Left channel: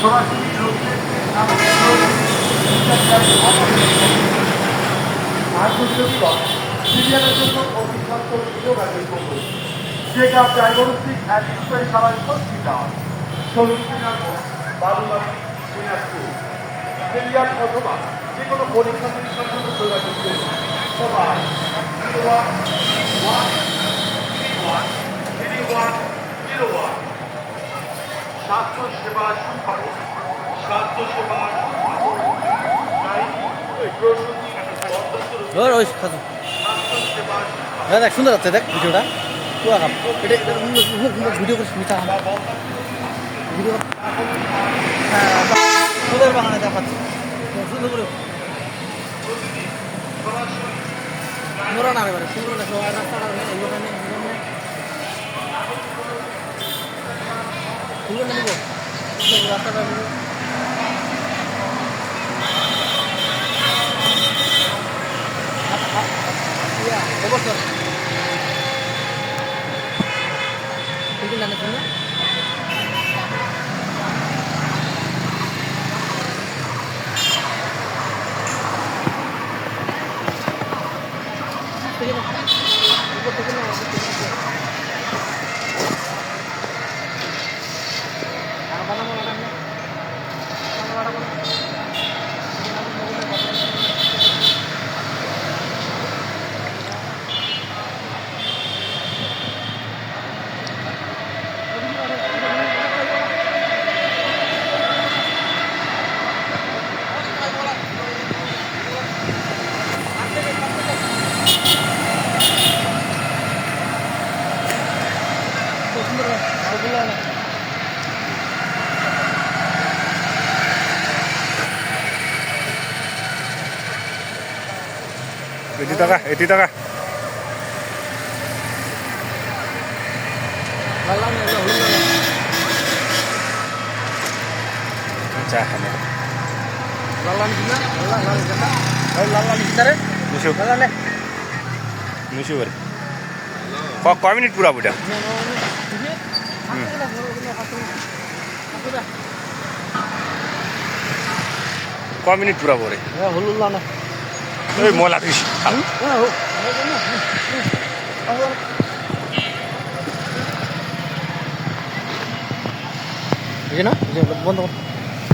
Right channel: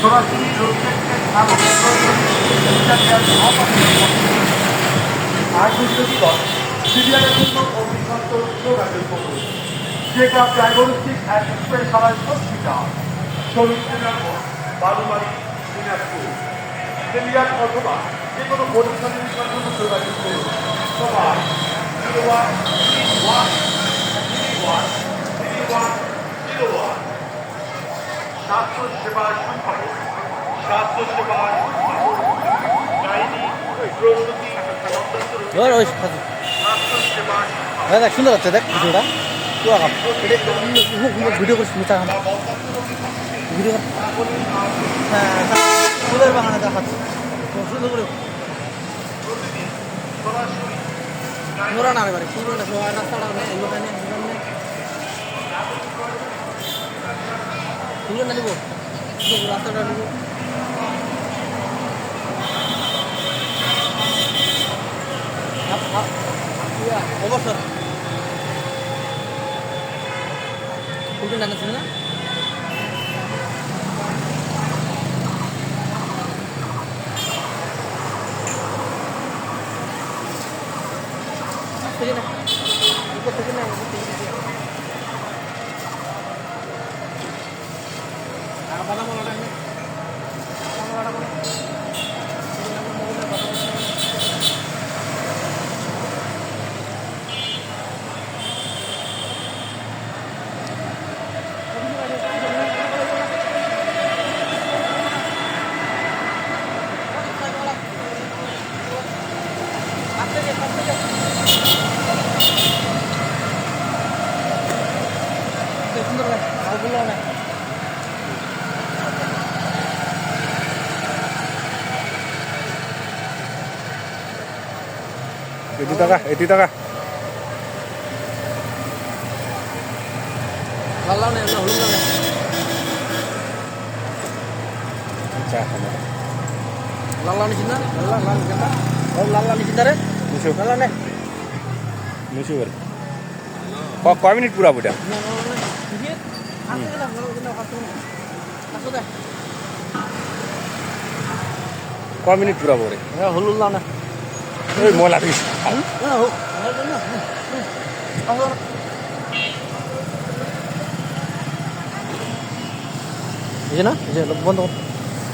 সরাসরি যেটা diagnostic and specialised hospital Barumari Dinajpur serial অথবা যে কোনো পরীক্ষা নিরীক্ষার জন্য যোগাযোগ করুন সবাই 01 স্বাস্থ্য সেবা সুফল স্বাস্থ্যসেবা দেখ সুন্দর হচ্ছে দেখ ভিডিওটা পুরো ভিডিও করে শুনতে ভিডিও ফুলের বাগানে দেখাচ্ছে সুন্দর করে নোরা না এবারে ফুল না সবাই রাস্তাটা নেই এইভাবে নেই ফুল না নিব রাস্তাটা নিব অবশ্যই ফুল না নিব না থেকে না উপর থেকে না বানাবো না সুন্দর ভালো না এটি টাকা ভালো না হলো না আচ্ছা হ্যাঁ লালা নি কিনারে নিশু লালা নে নিশু করে কয় মিনিট পুরা বুটা কয় মিনিট পুরা পরে হলো না ওই মলা দিস বুঝে না বন্ধ